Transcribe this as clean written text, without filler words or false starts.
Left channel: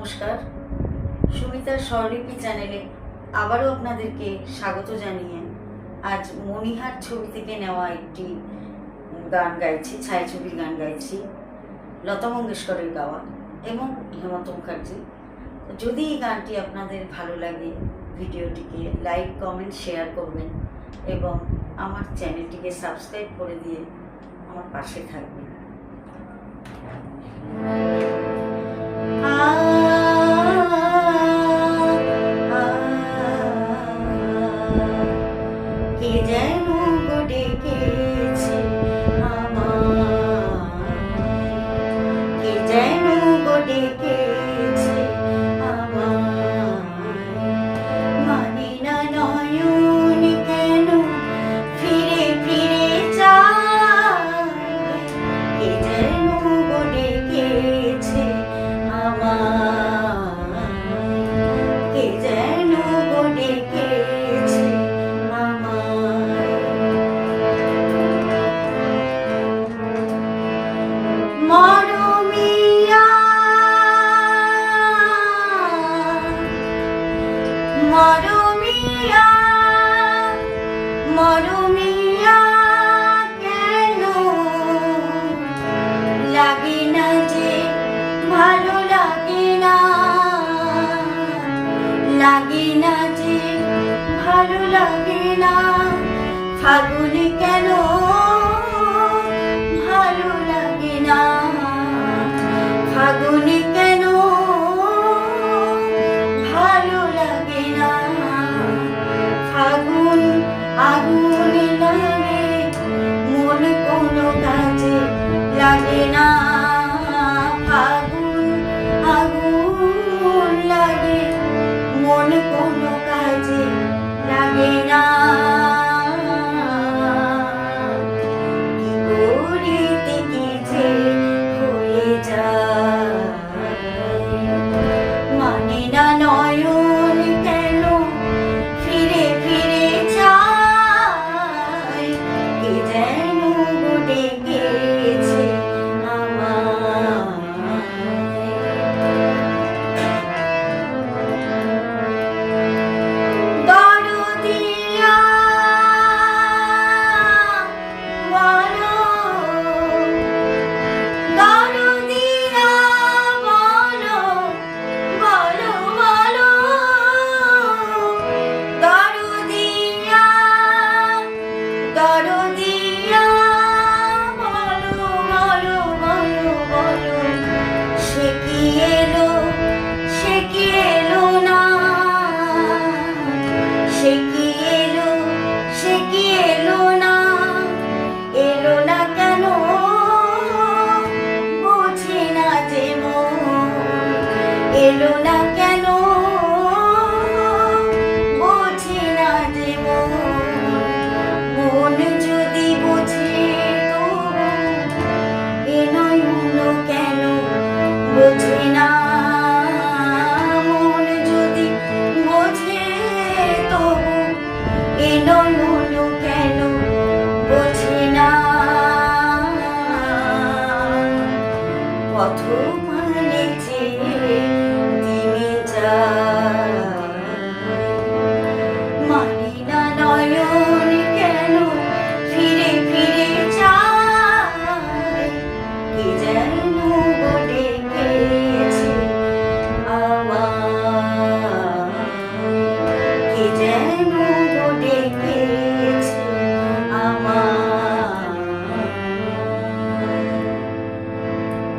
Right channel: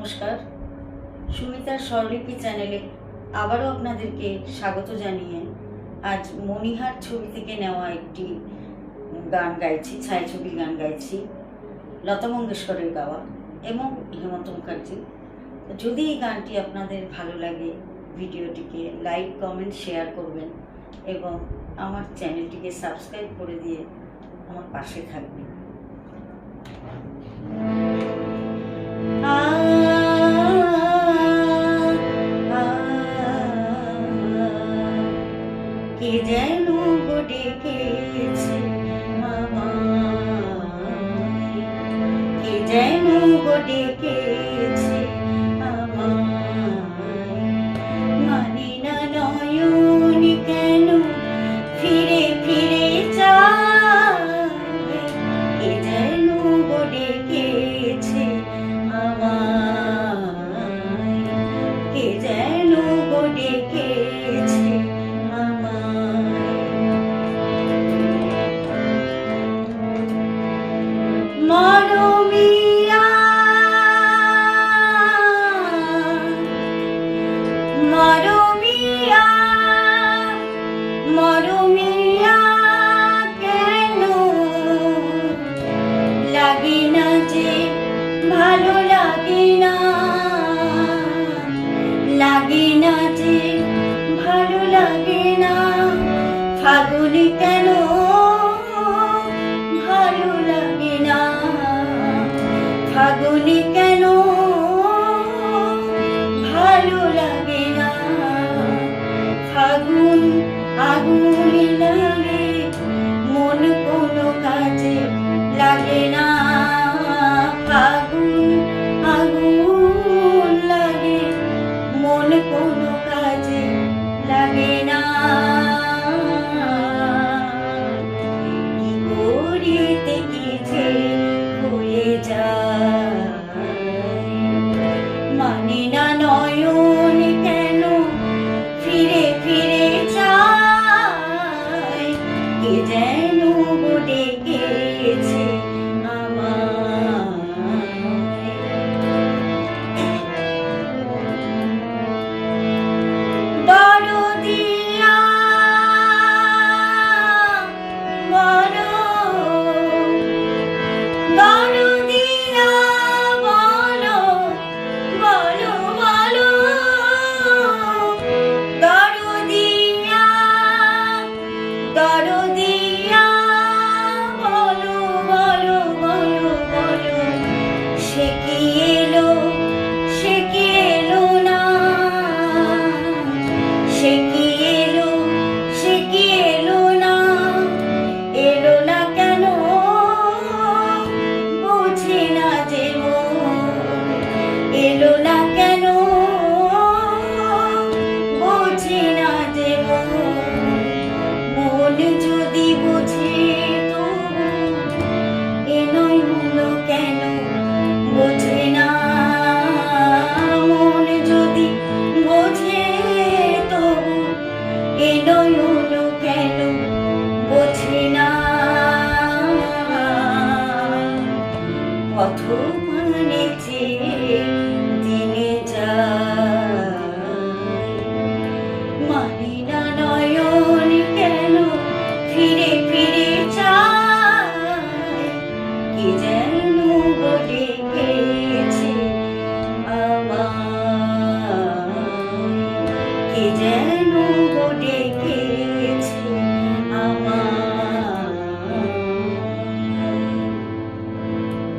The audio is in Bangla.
নমস্কার, সুমিতার স্বরলিপি চ্যানেলে আবারও আপনাদেরকে স্বাগত জানিয়ে আজ মণিহার ছবি থেকে নেওয়া একটি গান গাইছি, ছায়াছবির গান গাইছি, লতা মঙ্গেশকরের গাওয়া এবং হেমন্ত মুখার্জি। যদি এই গানটি আপনাদের ভালো লাগে, ভিডিওটিকে লাইক, কমেন্ট, শেয়ার করবেন এবং আমার চ্যানেলটিকে সাবস্ক্রাইব করে দিয়ে আমার পাশে থাকবেন। কে যেন ডেকেছে আমায়, কে যেন ডেকেছে আমায়, মানে না নয়ন কেন ফিরে ফিরে যায়, কে যেন ডেকেছে আমায়, কে যেন ডেকেছে মরমিয়া মরমিয়া মরমিয়া কেন লাগে না যে ভালো লাগে না, লাগে না যে ভালো লাগে না, ফাগুনে কেন ভালো লাগে না, ফাগুনে কেন ভালো লাগে না, ফাগুন আগুন লাগে মন কোনো কাজে লাগে না, ফাগুন আগুন লাগে মন কোনো কাজে লাগে না, গড়িতে কি যে হয়ে যায়, মানে না নয়ন কেন ফিরে ফিরে যায়, কে যেন ডেকেছে আমায়। দরদিয়া বলো, দরদিয়া বলো, বলো বলো, দরদিয়া দরদিয়া বলো বলো বলো বলো, সে কি এলো, সে কি এলো না, সে কি এলো, সে কি এলো না, এলো না কেন বোঝে না যে মন, এলো না কেন বোঝে না যে মন, মন যদি বোঝে তো এ নয়ন কেন বোঝে না, মন যদি বোঝে তো এ নয়ন কেন বোঝে না, পথ